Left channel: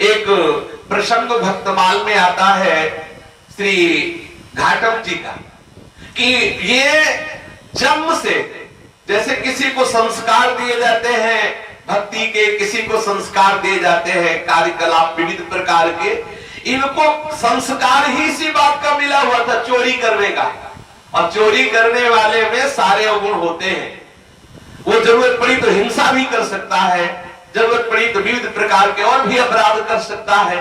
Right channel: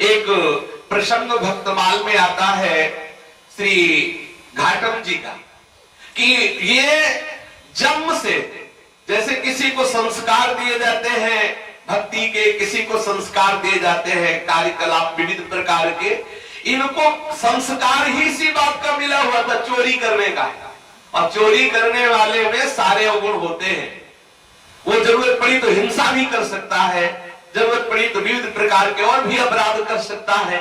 एक प्रसंग भक्तमाल में आता है श्री घाटम जी का कि ये जन्म से जैसे किसी को संस्कार दिए जाते हैं भक्ति के, किसी को संस्कार दिए जाते हैं कार्यकलाप विविध प्रकार के, इनको संस्कार ही इसी बात का मिला हुआ था, चोरी करने का। और चोरी करने वाले में सारे अवगुण होते हैं। वो जरूरत पड़ी तो हिंसा भी कर सकता है, जरूरत पड़ी तो विविध प्रकार के और भी अपराध कर सकता है।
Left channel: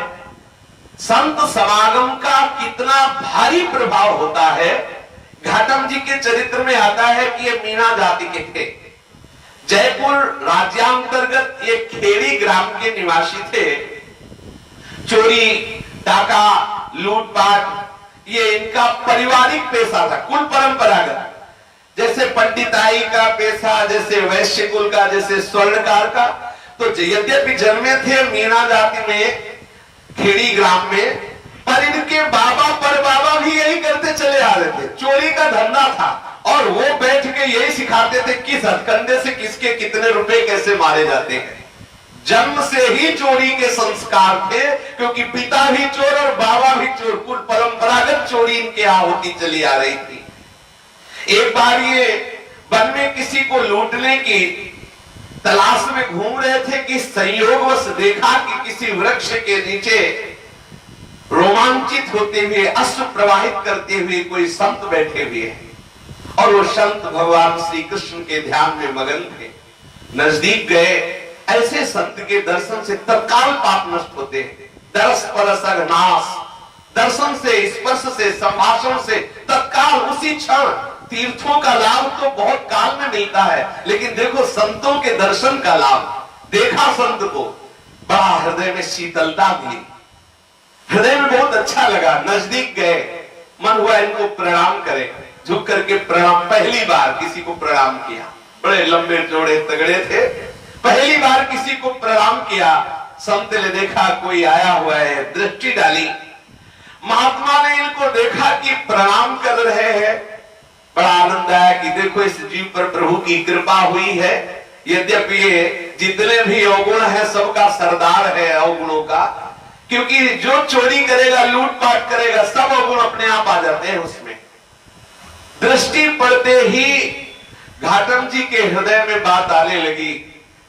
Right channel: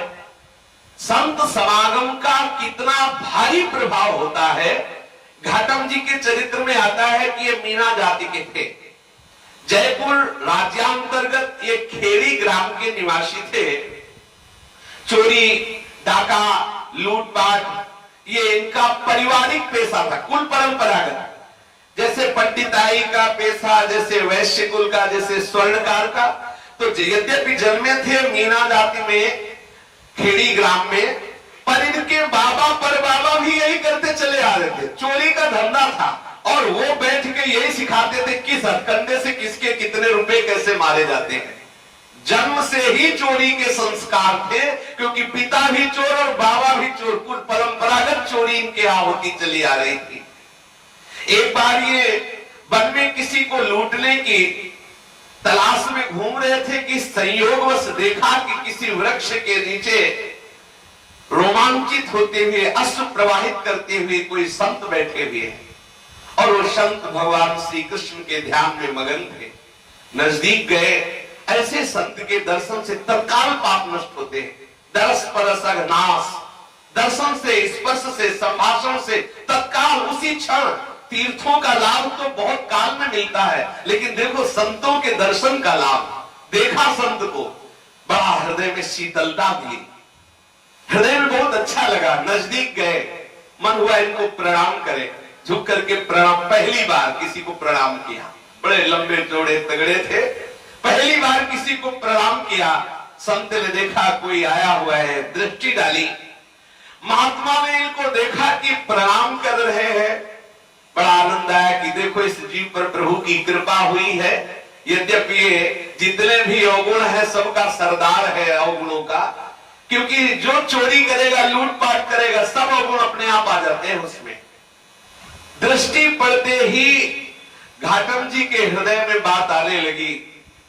संत समागम का कितना भारी प्रभाव होता है। घाटम जी के चरित्र में आता है कि ये मीणा जाति के थे, जयपुर राज्यांतर्गत ये खेड़ी ग्राम के निवासी थे। चोरी, डाका, लूटपाट ये इनका पारिवारिक पेशा था, कुल परंपरागत। जैसे पंडिताई का पेशा, जैसे वैश्य कुल का, जैसे स्वर्णकार का। तो यद्यपि जन्मे थे मीणा जाति में, खेड़ी ग्राम में, पर इनके बाबा परबाबा भी यही करते चले आ रहे थे, चोरी का धंधा था। और वो बैठ के यही सिखाते थे किस हथकंडे से किसके कितने रुपए कैसे मारे जाते हैं। जन्म से ही चोरी के संस्कार थे, क्योंकि पिता भी चोर और बाबा भी चोर, कुल परंपरागत चोरी इनके यहाँ होती चली आ रही थी। एक बार ये वन में किसी को लूटने की तलाश में घूम रहे थे कि संयोगवश देखा कि किसी वृक्ष के नीचे रोमांचित होते हुए, अश्रु प्रवाहित करते हुए कोई संत बैठे हुए हैं। और वो संत भगवान श्री कृष्ण के ध्यान में मगन थे। नजदीक गए, ऐसे संत के दर्शन से तत्काल पाप नष्ट होते हैं। दरस परस अघनाश, दर्शन से, स्पर्श से, संभाषण से तत्काल उसी क्षण। तीर्थों का लाभ तो बहुत काल में मिलता है, लेकिन देखो संतों के दर्शन का लाभ। देखा संत को, बड़ा हृदय में शीतलता मिली, हृदय में बहुत अच्छा लगा। नजदीक गए, मन हुआ इनको प्रणाम करें। झुक करके प्रणाम, पहली बार किसी को प्रणाम किया। बड़े लंबे चौड़े तगड़े थे, पहली बार किसी को प्रणाम किया। संत ने देखा कोई आया हुआ है, दृष्टि डाली। महात्मा ने इनको देखा कि प्रणाम कर रहे हैं, बड़ा आनंद आया कि देखो इस जीव पर प्रभु की कृपा हुई है। यद्यपि ये जितने भी अवगुण है सबका सरदार है अवगुणों का, क्योंकि जो चोरी करेगा, लूटपाट करेगा, सब अवगुण अपने आप आ जाते हैं उसमें। दृष्टि पड़ते ही घाटम जी के हृदय में बात आने लगी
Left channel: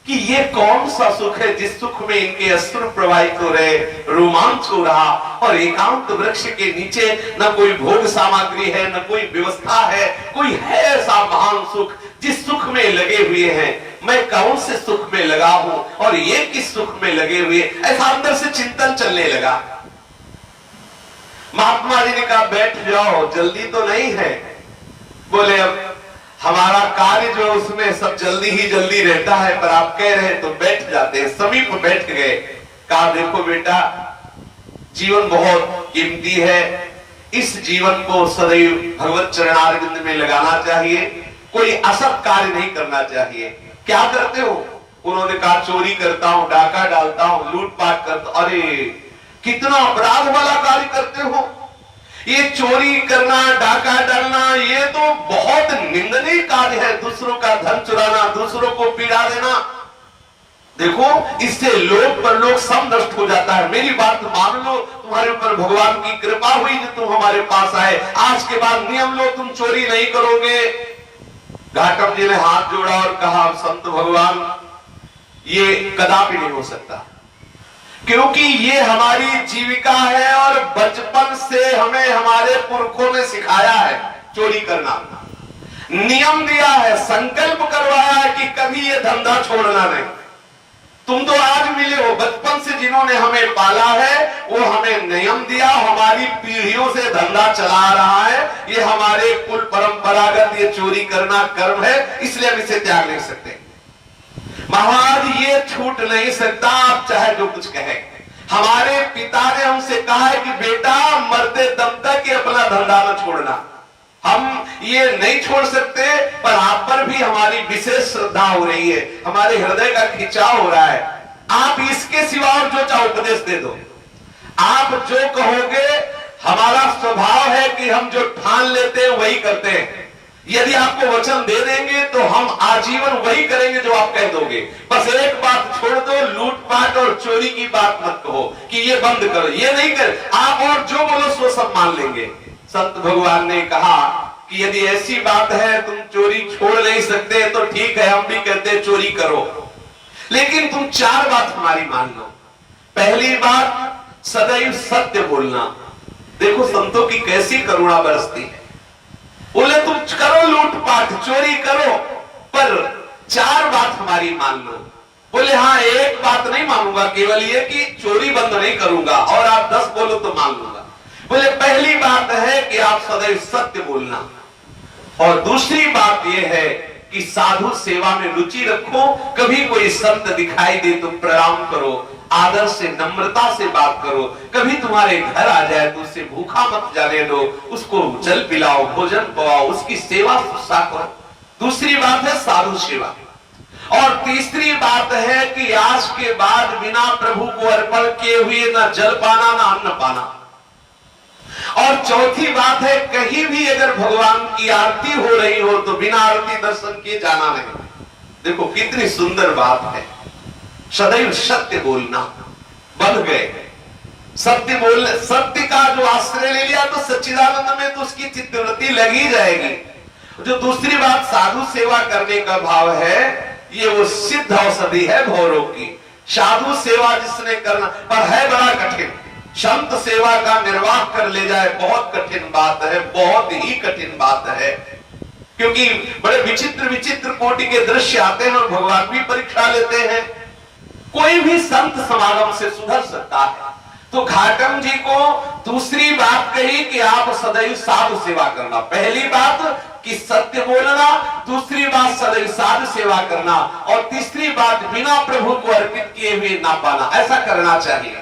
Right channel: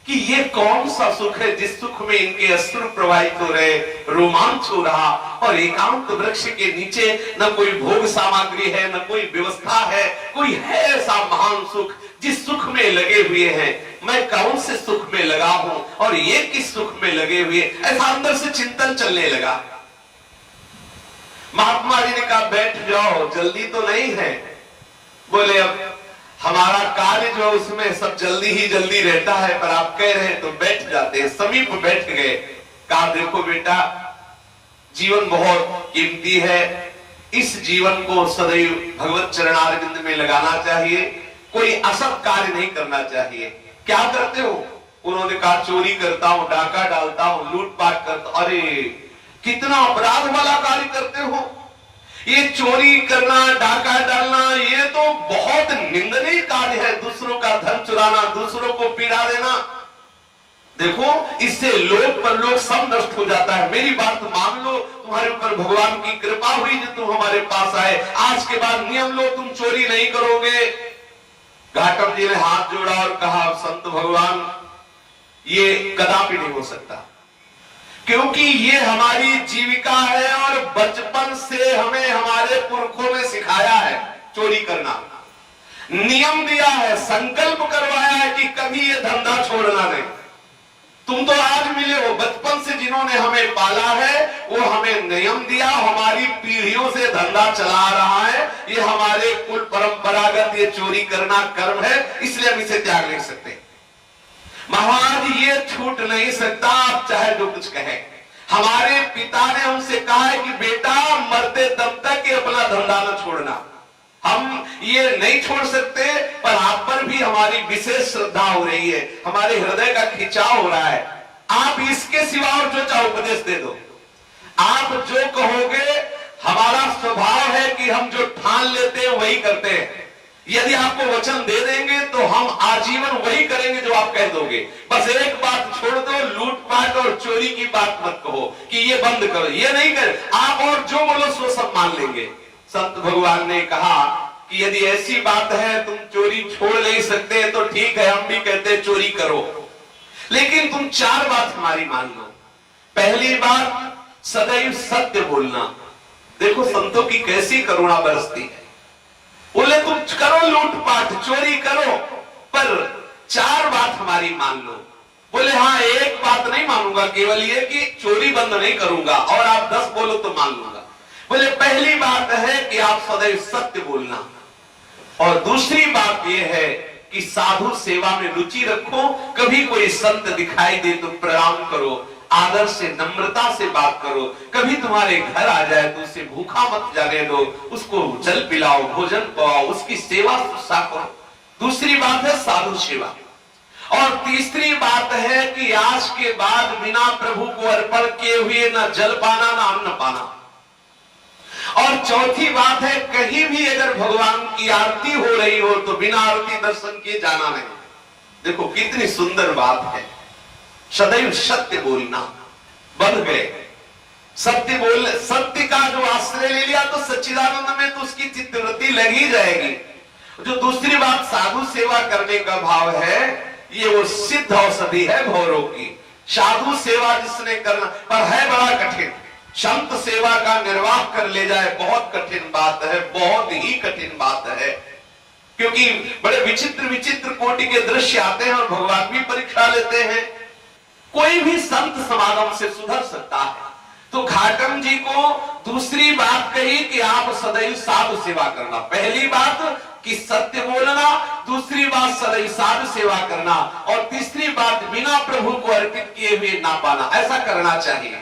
कि ये कौन सा सुख है जिस सुख में इनके अश्रु प्रवाहित हो रहे, रोमांच हो रहा, और एकांत वृक्ष के नीचे न कोई भोग सामग्री है, न कोई व्यवस्था है, कोई है ऐसा महान सुख जिस सुख में लगे हुए हैं। मैं कौन से सुख में लगा हूं और ये किस सुख में लगे हुए, ऐसा अंदर से चिंतन चलने लगा। महात्मा जी ने कहा बैठ जाओ, जल्दी तो नहीं है। बोले अब हमारा कार्य जो उसमें सब जल्दी ही जल्दी रहता है, पर आप कह रहे हैं तो बैठ जाते हैं। समीप बैठ गए। कहा देखो बेटा, जीवन बहुत कीमती है, इस जीवन को सदैव भगवत चरणारविंद में लगाना चाहिए, कोई असत कार्य नहीं करना चाहिए। क्या करते हो? उन्होंने कहा चोरी करता हूं, डाका डालता हूं, लूटपाट करता हूं। अरे कितना अपराध वाला कार्य करते हो। ये चोरी करना, डाका डालना, ये तो बहुत निंदनीय कार्य है। दूसरों का धन चुराना, दूसरों को पीड़ा देना, देखो इससे लोक परलोक सब नष्ट हो जाता है। मेरी बात मान लो, तुम्हारे ऊपर भगवान की कृपा हुई जो तुम हमारे पास आए, आज के बाद नियम लो, तुम चोरी नहीं करोगे। घाटम जी ने हाथ जोड़ा और कहा संत भगवान, ये कदापि नहीं हो सकता, क्योंकि ये हमारी जीविका है और बचपन से हमें हमारे पुरखों ने सिखाया है चोरी करना, नियम दिया है, संकल्प करवाया है कि कभी ये धंधा छोड़ना नहीं। तुम तो आज मिले हो, बचपन से जिन्होंने हमें पाला है वो हमें नियम दिया, हमारी पीढ़ियों से धंधा चला रहा है, ये हमारे कुल परंपरागत ये चोरी करना कर्म है, इसलिए हम इसे त्याग नहीं सकते। महाराज ये छूट नहीं सकता, आप चाहे जो कुछ कहे। हमारे पिता ने हमसे कहा है कि बेटा मरते दम तक ये अपना धंधा न छोड़ना। हम ये नहीं छोड़ सकते, पर आप पर भी हमारी विशेष श्रद्धा हो रही है, हमारे हृदय का खिंचाव हो रहा है। आप इसके सिवा और जो चाहो उपदेश दे दो, आप जो कहोगे। हमारा स्वभाव है कि हम जो ठान लेते हैं वही करते हैं। यदि आपको वचन दे देंगे तो हम आजीवन वही करेंगे जो आप कह दोगे। बस एक बात छोड़ दो, लूटपाट और चोरी की बात मत कहो कि ये बंद करो, ये नहीं कर, आप और जो बोलो सो सब मान लेंगे। संत भगवान ने कहा कि यदि ऐसी बात है तुम चोरी छोड़ नहीं सकते तो ठीक है, हम भी कहते हैं चोरी करो, लेकिन तुम 4 बात हमारी मान लो। पहली बात, सदैव सत्य बोलना। देखो संतों की कैसी करुणा बरसती है। बोले तुम करो लूटपाट, चोरी करो, पर 4 बात हमारी मान लो। बोले हाँ, एक बात नहीं मानूंगा, केवल ये कि चोरी बंद नहीं करूंगा, और आप 10 बोलो तो मान लूंगा। बोले पहली बात है कि आप सदैव सत्य बोलना, और दूसरी बात यह है कि साधु सेवा में रुचि रखो। कभी कोई संत दिखाई दे तो प्रणाम करो, आदर से नम्रता से बात करो। कभी तुम्हारे घर आ जाए तो उसे भूखा मत जाने दो, उसको जल पिलाओ, भोजन पाओ, उसकी सेवा शुश्रूषा करो। दूसरी बात है साधु सेवा। और तीसरी बात है कि आज के बाद बिना प्रभु को अर्पण किए हुए ना जल पाना ना अन्न पाना। और चौथी बात है, कहीं भी अगर भगवान की आरती हो रही हो तो बिना आरती दर्शन किए जाना नहीं। देखो कितनी सुंदर बात है। सदैव सत्य बोलना, बन गए सत्य बोल, सत्य का जो आश्रय ले लिया तो सच्चिदानंद में तो उसकी चित्तवृत्ति लगी जाएगी। जो दूसरी बात साधु सेवा करने का भाव है, ये वो सिद्ध औषधि है भौरों की। साधु सेवा जिसने करना, पर है बड़ा कठिन। संत सेवा का निर्वाह कर ले जाए बहुत कठिन बात है, बहुत ही कठिन बात है, क्योंकि बड़े विचित्र विचित्र कोटि के दृश्य आते हैं और भगवान भी परीक्षा लेते हैं। कोई भी संत समागम से सुधर सकता है। तो घाटम जी को दूसरी बात कही कि आप सदैव साधु सेवा करना। पहली बात कि सत्य बोलना, दूसरी बात सदैव साधु सेवा करना, और तीसरी बात बिना प्रभु को अर्पित किए हुए ना पाना। ऐसा करना चाहिए,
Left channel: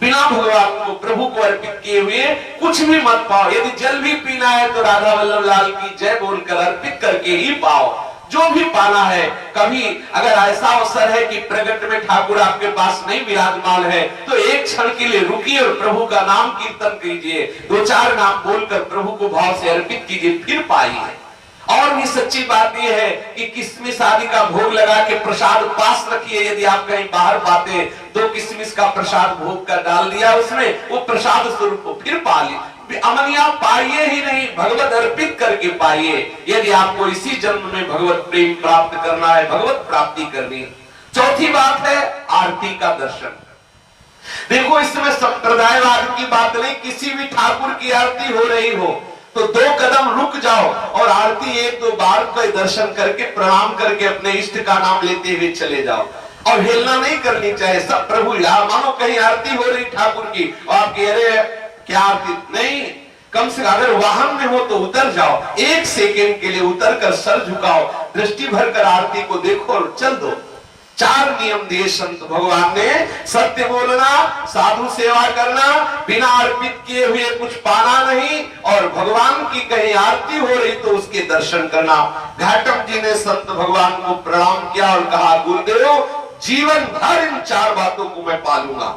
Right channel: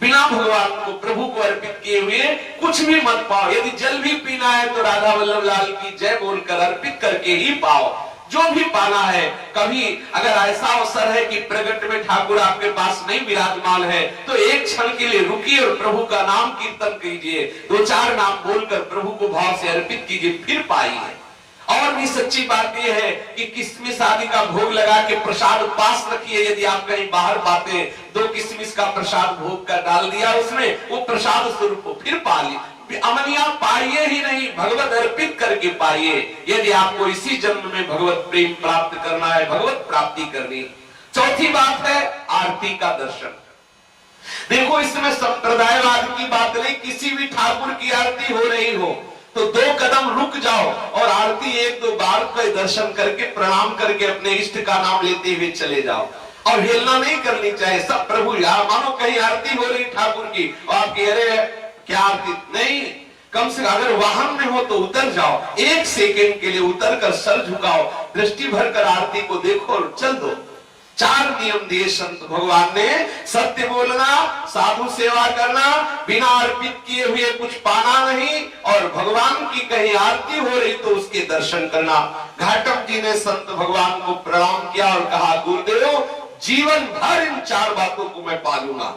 बिना भगवान को प्रभु को अर्पित किए हुए कुछ भी मत पाओ। यदि जल भी पीना है तो राधा वल्लभ लाल की जय बोलकर अर्पित करके ही पाओ। जो भी पाना है, कभी अगर ऐसा अवसर है कि प्रगट में ठाकुर आपके पास नहीं विराजमान है तो एक क्षण के लिए रुकिए और प्रभु का नाम कीर्तन कीजिए, 2-4 नाम बोलकर प्रभु को भाव से अर्पित कीजिए, फिर पाइए। और भी सच्ची बात यह है कि किशमिश आदि का भोग लगा के प्रसाद पास रखिए। यदि आप कहीं बाहर पाते, 2 किशमिश का प्रसाद भोग कर डाल दिया उसमें, वो प्रसाद स्वरूप को फिर पा ली। अमनिया पाइए ही नहीं, भगवत अर्पित करके पाइए। यदि आपको इसी जन्म में भगवत प्रेम प्राप्त करना है, भगवत प्राप्ति करनी। चौथी बात है आरती का दर्शन। देखो इसमें संप्रदायवाद की बात नहीं, किसी भी ठाकुर की आरती हो रही हो तो 2 कदम रुक जाओ और आरती 1-2 बार का दर्शन करके प्रणाम करके अपने इष्ट का नाम लेते हुए चले जाओ। और हेलना नहीं करनी चाहिए, सब प्रभु यार। मानो कहीं आरती हो रही ठाकुर की और आप कह रहे हैं क्या आरती नहीं, कम से कम अगर वाहन में हो तो उतर जाओ, 1 सेकेंड के लिए उतर कर सर झुकाओ, दृष्टि भर कर आरती को देखो और चल दो। 4 नियम दिए संत भगवान ने। सत्य बोलना, साधु सेवा करना, बिना अर्पित किए हुए कुछ पाना नहीं, और भगवान की कहीं आरती हो रही तो उसके दर्शन करना। घाटम जी ने संत भगवान को प्रणाम किया और कहा गुरुदेव जीवन भर इन 4 बातों को मैं पालूंगा।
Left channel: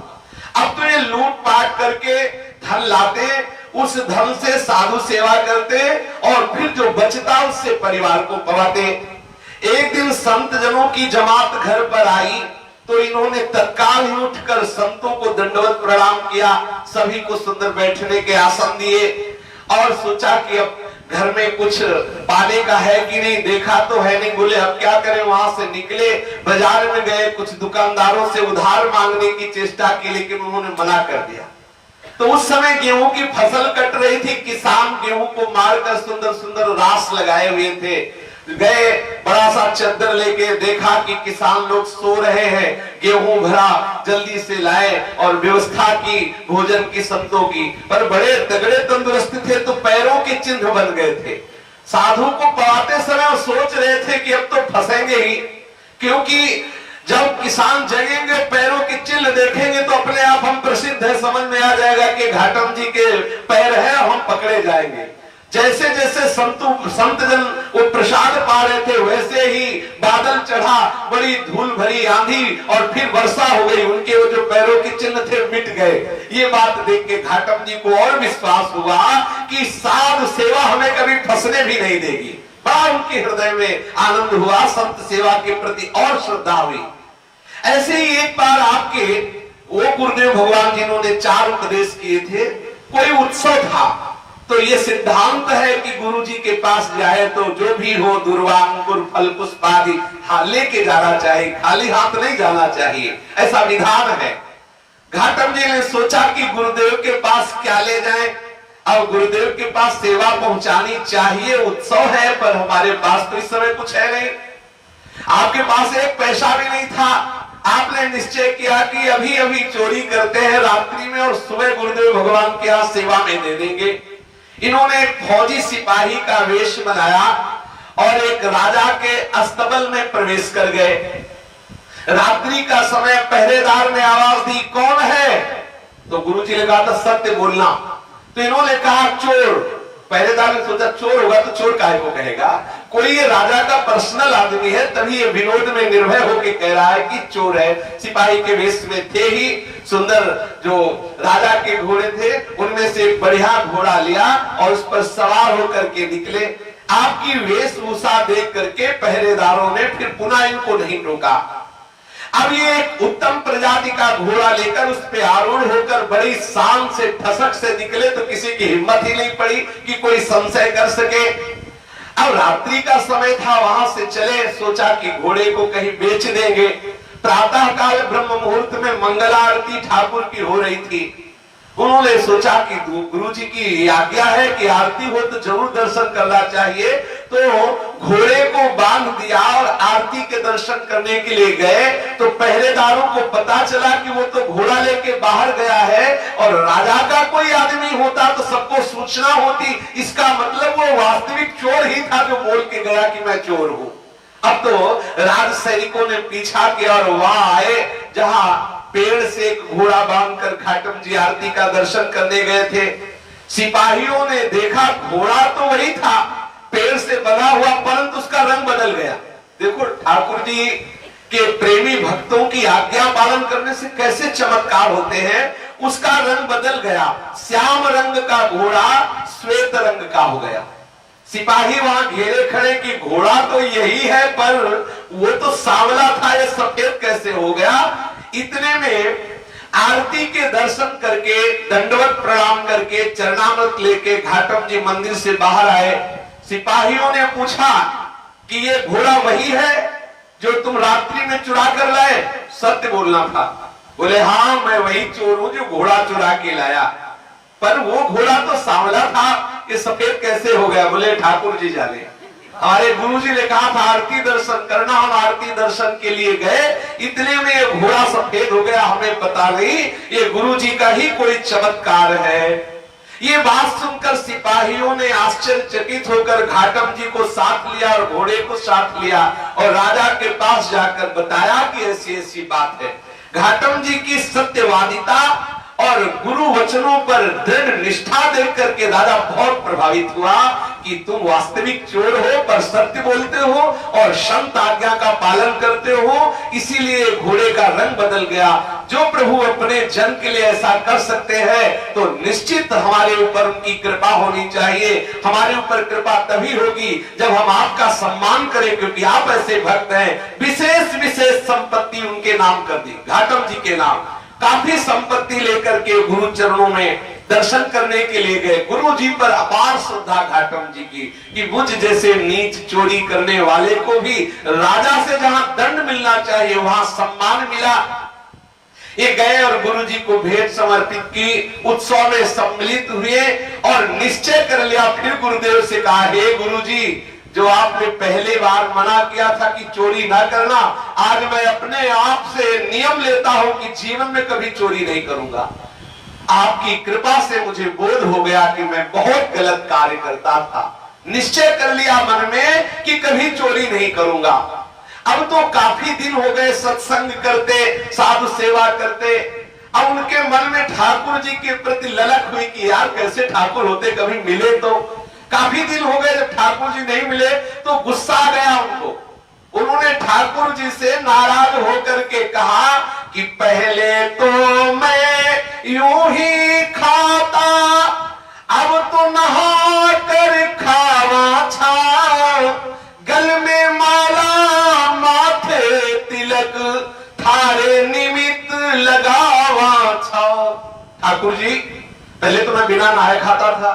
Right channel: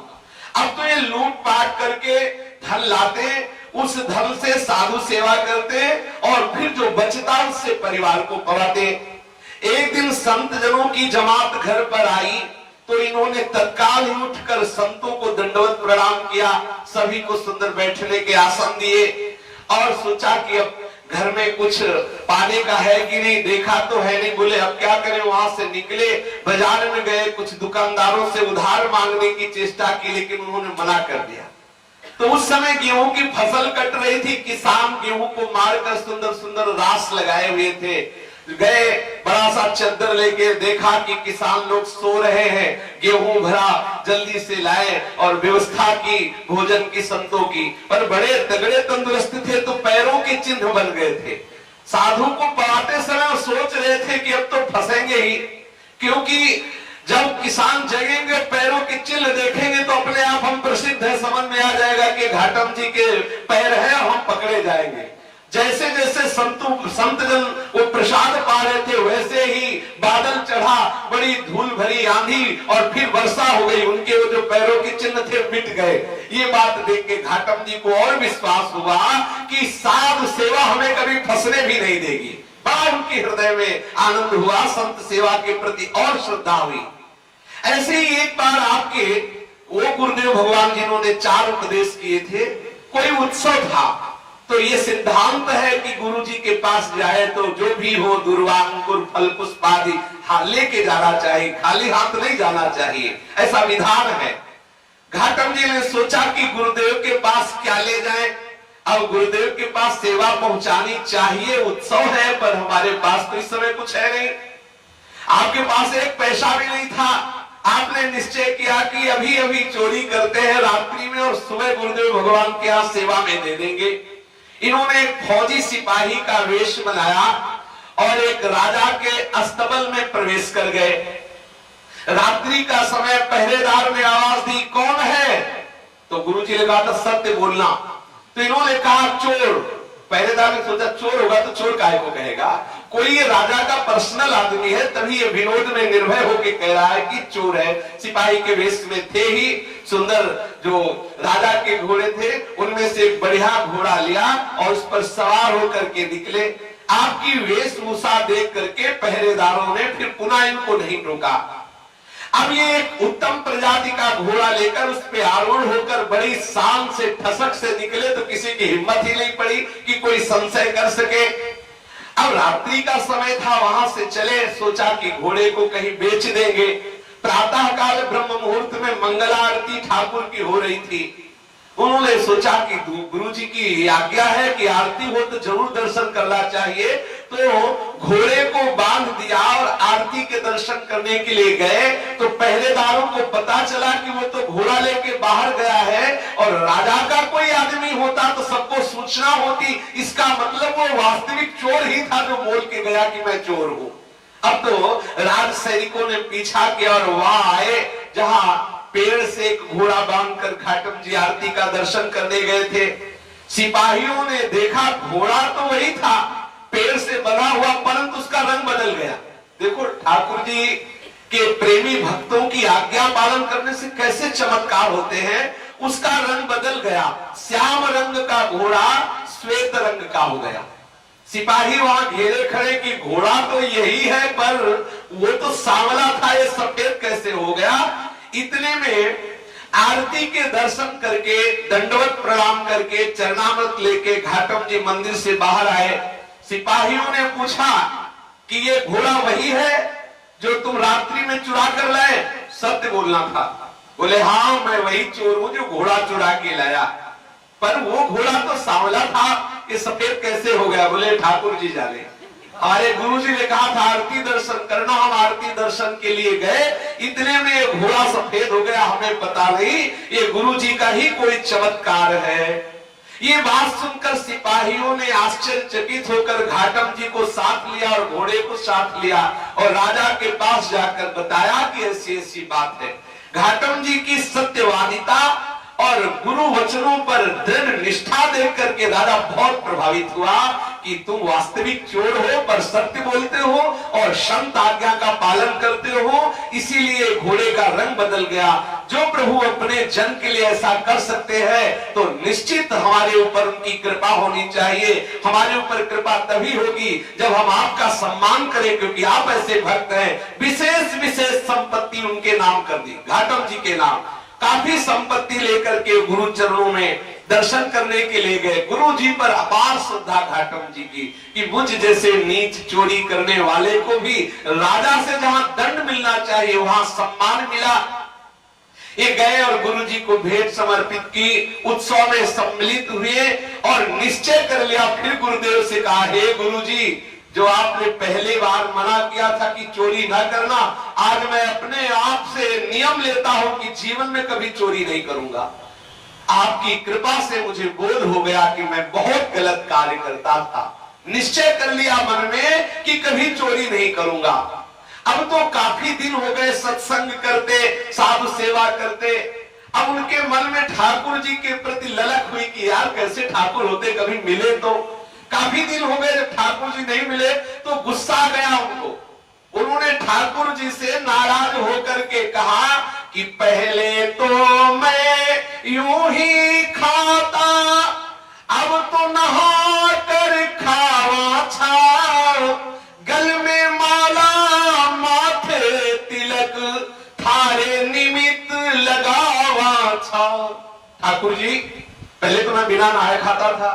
अब तो ये लूट पाट करके धन लाते, उस धन से साधु सेवा करते और फिर जो बचता उससे परिवार को पवाते। एक दिन संत जनों की जमात घर पर आई तो इन्होंने तत्काल ही उठकर संतों को दंडवत प्रणाम किया, सभी को सुंदर बैठने के आसन दिए और सोचा कि अब घर में कुछ पाने का है कि नहीं, देखा तो है नहीं। बोले अब क्या करें, वहां से निकले, बाजार में गए, कुछ दुकानदारों से उधार मांगने की चेष्टा की, लेकिन उन्होंने मना कर दिया। तो उस समय गेहूं की फसल कट रही थी, किसान गेहूं को मारकर सुंदर सुंदर रास लगाए हुए थे। गए, बड़ा सा चद्दर लेके, देखा कि किसान लोग सो रहे हैं, गेहूं भरा, जल्दी से लाए और व्यवस्था की भोजन की संतों की। पर बड़े तगड़े तंदुरुस्त थे तो पैरों के चिन्ह बन गए थे। साधु को पवाते समय सोच रहे थे कि अब तो फंसेंगे ही, क्योंकि जब किसान जगेंगे, पैरों के चिन्ह देखेंगे तो अपने आप हम प्रसिद्ध है, समझ में आ जाएगा कि घाटम जी के पैर हैं, हम पकड़े जाएंगे। जैसे जैसे संत जन वो प्रसाद पा रहे थे, वैसे ही बादल चढ़ा, बड़ी धूल भरी आंधी और फिर वर्षा हो गई। उनके वो जो पैरों के चिन्ह थे मिट गए। ये बात देख के घाटम जी को और विश्वास हुआ कि साधु सेवा हमें कभी फंसने भी नहीं देगी। बड़ा उनके हृदय में आनंद हुआ, संत सेवा के प्रति और श्रद्धा हुई। ऐसे ही एक बार आपके वो गुरुदेव भगवान जिन्होंने 4 उपदेश किए थे, कोई उत्सव था, तो ये सिद्धांत है कि गुरु जी के पास जाए तो जो भी हो दुर्वा अंकुर फल पुष्प आदि लेके जाना चाहिए, खाली हाथ नहीं जाना चाहिए, ऐसा विधान है। घाटम जी ने सोचा कि गुरुदेव के पास क्या ले जाएं। अब गुरुदेव के पास सेवा पहुंचानी चाहिए, उत्सव है, पर हमारे पास तो इस समय कुछ है नहीं। आपके पास एक पैसा भी नहीं था। आपने निश्चय किया कि अभी अभी चोरी करते हैं रात्रि में और सुबह गुरुदेव भगवान के यहाँ सेवा में दे देंगे। इन्होंने एक फौजी सिपाही का वेश बनाया और एक राजा के अस्तबल में प्रवेश कर गए। रात्रि का समय पहरेदार ने आवाज दी, कौन है? तो गुरुजी ने कहा था सत्य बोलना। तो इन्होंने कहा चोर। पहरेदार ने सोचा चोर होगा तो चोर काहे को कहेगा, कोई ये राजा का पर्सनल आदमी है, तभी ये विनोद में निर्भय होकर कह रहा है कि चोर है। सिपाही के वेश में थे ही, सुंदर जो राजा के घोड़े थे उनमें से एक बढ़िया घोड़ा लिया और उस पर सवार होकर के निकले। आपकी वेशभूषा देख करके पहरेदारों ने फिर पुनः इनको नहीं रोका। अब ये एक उत्तम प्रजाति का घोड़ा लेकर उस पे आरूढ़ होकर बड़ी शान से ठसक से निकले तो किसी की हिम्मत ही नहीं पड़ी कि कोई संशय कर सके। अब रात्रि का समय था, वहां से चले, सोचा कि घोड़े को कहीं बेच देंगे। प्रातः काल ब्रह्म मुहूर्त में मंगला आरती ठाकुर की हो रही थी। उन्होंने सोचा कि गुरु जी की आज्ञा है कि आरती हो तो जरूर दर्शन करना चाहिए, तो घोड़े को बांध दिया और आरती के दर्शन करने के लिए गए। तो पहरेदारों को पता चला कि वो तो घोड़ा लेके बाहर गया है और राजा का कोई आदमी होता तो सबको सूचना होती। इसका मतलब वो वास्तविक चोर ही था जो बोल के गया कि मैं चोर हूं। अब तो राज सैनिकों ने पीछा किया और वहां आए जहां पेड़ से एक घोड़ा बांधकर घाटम जी आरती का दर्शन करने गए थे। सिपाहियों ने देखा घोड़ा तो वही था, पेड़ से बना हुआ, परंतु उसका रंग बदल गया। देखो ठाकुर जी के प्रेमी भक्तों की आज्ञा पालन करने से कैसे चमत्कार होते हैं। उसका रंग बदल गया, श्याम रंग का घोड़ा श्वेत रंग का हो गया। सिपाही वहां घेरे खड़े कि घोड़ा तो यही है पर वो तो सांवला था, ये सफेद कैसे हो गया। इतने में आरती के दर्शन करके दंडवत प्रणाम करके चरणामृत लेके घाटम जी मंदिर से बाहर आए। सिपाहियों ने पूछा कि ये घोड़ा वही है जो तुम रात्रि में चुरा कर लाए? सत्य बोलना था। बोले हाँ मैं वही चोर हूं जो घोड़ा चुरा के लाया, पर वो घोड़ा तो सांवला था, ये सफेद कैसे हो गया? बोले ठाकुर जी जाने। हमारे गुरु जी ने कहा था आरती दर्शन करना, हम आरती दर्शन के लिए गए, इतने में ये घोड़ा सफेद हो गया, हमें पता नहीं, ये गुरु जी का ही कोई चमत्कार है। ये बात सुनकर सिपाहियों ने आश्चर्यचकित होकर घाटम जी को साथ लिया और घोड़े को साथ लिया और राजा के पास जाकर बताया कि ऐसी ऐसी बात है। घाटम जी की सत्यवादिता और गुरु वचनों पर दृढ़ निष्ठा देख करके राजा बहुत प्रभावित हुआ कि तुम वास्तविक चोर हो पर सत्य बोलते हो और संत आज्ञा का पालन करते हो, इसीलिए घोड़े का रंग बदल गया। जो प्रभु अपने जन के लिए ऐसा कर सकते हैं तो निश्चित हमारे ऊपर उनकी कृपा होनी चाहिए। हमारे ऊपर कृपा तभी होगी जब हम आपका सम्मान करें, क्योंकि आप ऐसे भक्त हैं। विशेष विशेष संपत्ति उनके नाम कर दी, घाटम जी के नाम। काफी संपत्ति लेकर के गुरु चरणों में दर्शन करने के लिए गए। गुरु जी पर अपार श्रद्धा घाटम जी की कि मुझ जैसे नीच चोरी करने वाले को भी राजा से जहां दंड मिलना चाहिए वहां सम्मान मिला। ये गए और गुरु जी को भेंट समर्पित की, उत्सव में सम्मिलित हुए और निश्चय कर लिया। फिर गुरुदेव से कहा, हे गुरु जी, जो आपने पहले बार मना किया था कि चोरी ना करना, आज मैं अपने आप से नियम लेता हूं कि जीवन में कभी चोरी नहीं करूंगा। आपकी कृपा से मुझे बोध हो गया कि मैं बहुत गलत कार्य करता था। निश्चय कर लिया मन में कि कभी चोरी नहीं करूंगा। अब तो काफी दिन हो गए सत्संग करते, साधु सेवा करते। अब उनके मन में ठाकुर जी के प्रति ललक हुई कि यार कैसे ठाकुर होते, कभी मिले तो, काफी दिन हो गए जब ठाकुर जी नहीं मिले तो गुस्सा आ गया उनको। उन्होंने ठाकुर जी से नाराज होकर के कहा कि पहले तो मैं यूं ही खाता, अब तो नहा कर खावा छाओ, गल में माला माथे तिलक, थारे निमित्त लगावा छाओ। ठाकुर जी पहले तो मैं बिना नहाए खाता था,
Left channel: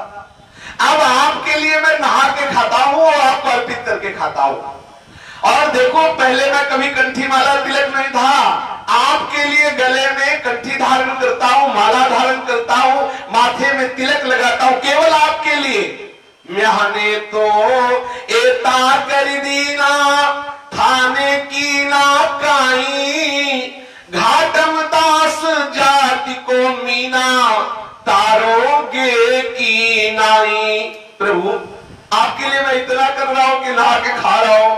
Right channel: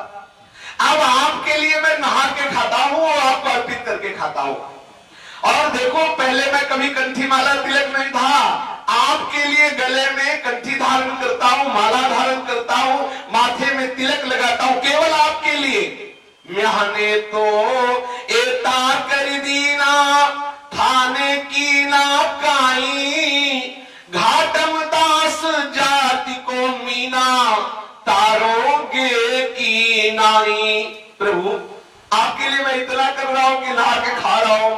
अब आपके लिए मैं नहा के खाता हूं और आपको अर्पित करके खाता हूं। और देखो पहले मैं कभी कंठी माला तिलक नहीं था, आपके लिए गले में कंठी धारण करता हूं, माला धारण करता हूं, माथे में तिलक लगाता हूं, केवल आपके लिए। मैंने तो एता कर दीना थाने की ना काई, घाटम दास जाति को मीना, तारोगे की नाई। प्रभु आपके लिए मैं इतना कर रहा हूं कि नहा के खा रहा हूं,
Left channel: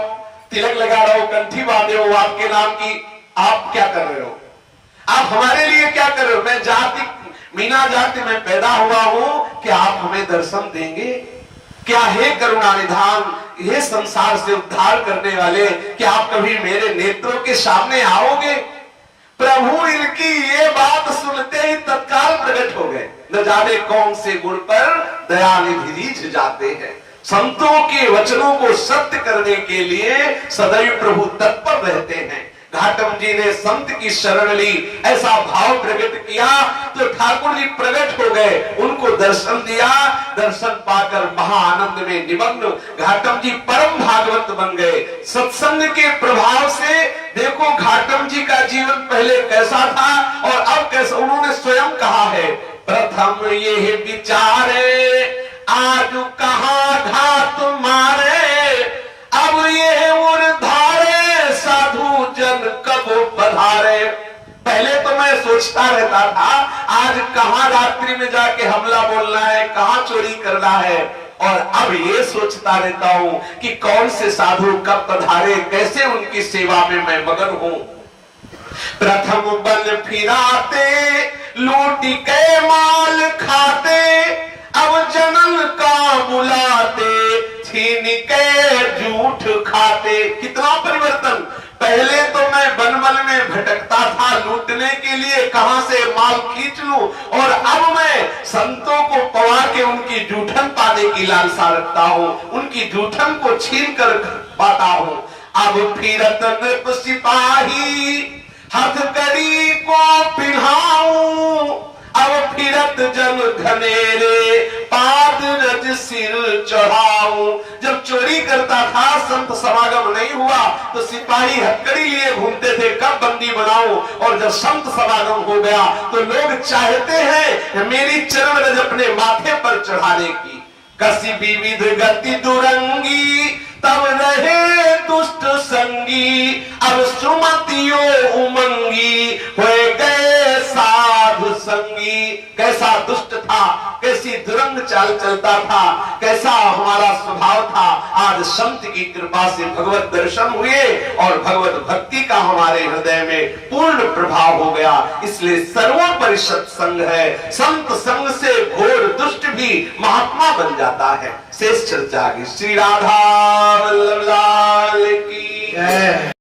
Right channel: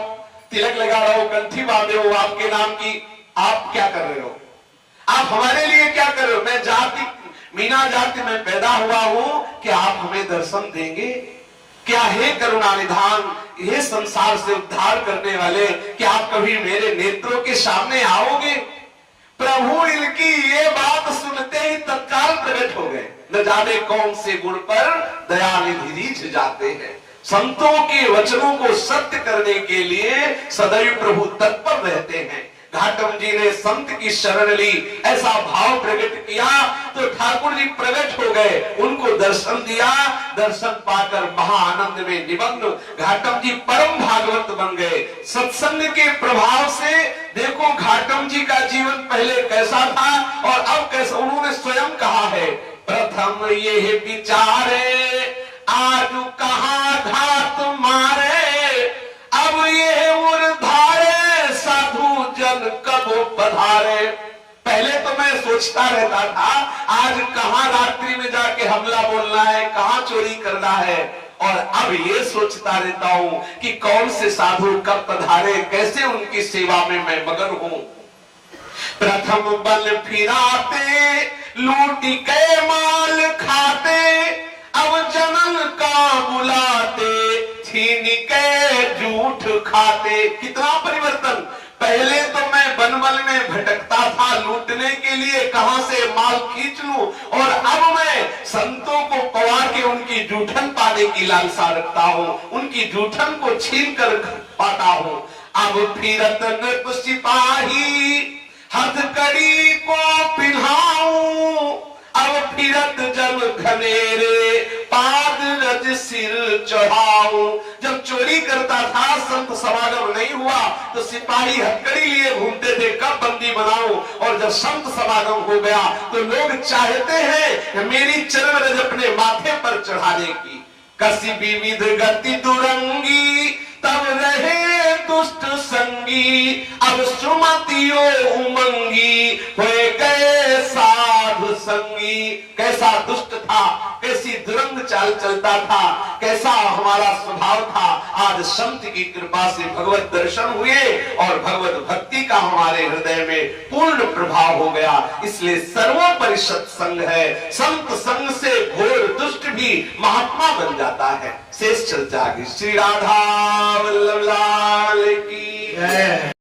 तिलक लगा रहा हूं, कंठी बांधे हो आपके नाम की, आप क्या कर रहे हो? आप हमारे लिए क्या कर रहे हो? मैं जाति मीना जाति में पैदा हुआ हूं, क्या आप हमें दर्शन देंगे? क्या हे करुणा निधान, हे संसार से उद्धार करने वाले, क्या आप कभी मेरे नेत्रों के सामने आओगे? प्रभु इनकी ये बात सुनते ही तत्काल प्रकट हो गए। न जाने कौन से गुण पर दयानिधि रीझ जाते हैं। संतों के वचनों को सत्य करने के लिए सदैव प्रभु तत्पर रहते हैं। घाटम जी ने संत की शरण ली, ऐसा भाव प्रकट किया तो ठाकुर जी प्रकट हो गए, उनको दर्शन दिया। दर्शन पाकर महाआनंद में निमग्न घाटम जी परम भागवत बन गए। सत्संग के प्रभाव से देखो घाटम जी का जीवन पहले कैसा था और अब कैसा। उन्होंने स्वयं कहा है, प्रथम ये विचारे आज कहाँ घात मारे, अब ये उर्धारे साधु जन कब पधारे। पहले तो मैं सोचता रहता था आज कहाँ रात्रि में जाके हमला बोलना है, कहाँ चोरी करना है, और अब ये सोचता रहता हूं कि कौन से साधु कब पधारे, कैसे उनकी सेवा में मैं मगन हूं। प्रथम बल फिराते लूटी के माल खाते, अब जनन का बुलाते छीन के झूठ खाते। कितना परिवर्तन। पहले तो मैं बनबल में भटकता था लूटने के लिए, कहां से माल खींच लूं, और अब मैं संतों को पवा के उनकी जूठन पाने की लालसा रखता हूं, उनकी जूठन को छीन कर पाता हूं। अब फिरत नृप सिपाही हथकड़ी को पिन्हाऊं, अब फिरत जन घनेरे पाद रज सिर चढ़ाऊं। जब चोरी करता था, संत समागम नहीं हुआ तो सिपाही हथकड़ी लिए घूमते थे, कब बंदी बनाऊं, और जब संत समागम हो गया तो लोग चाहते हैं मेरी चरण रज अपने माथे पर चढ़ाने की। कसी विविध गति दुरंगी तब रहे दुष्ट संगी, अब सुमतियो उमंगी होए गए साधु संगी। कैसा दुष्ट था, कैसी दुरंग चाल चलता था, कैसा हमारा स्वभाव था। आज संत की कृपा से भगवत दर्शन हुए और भगवत भक्ति का हमारे हृदय में पूर्ण प्रभाव हो गया। इसलिए सर्वोपरि सत्संग है। संत संग से घोर दुष्ट भी महात्मा बन जाता है। शेष चर्चा की। श्री राधा वल्लभ लाल की जय।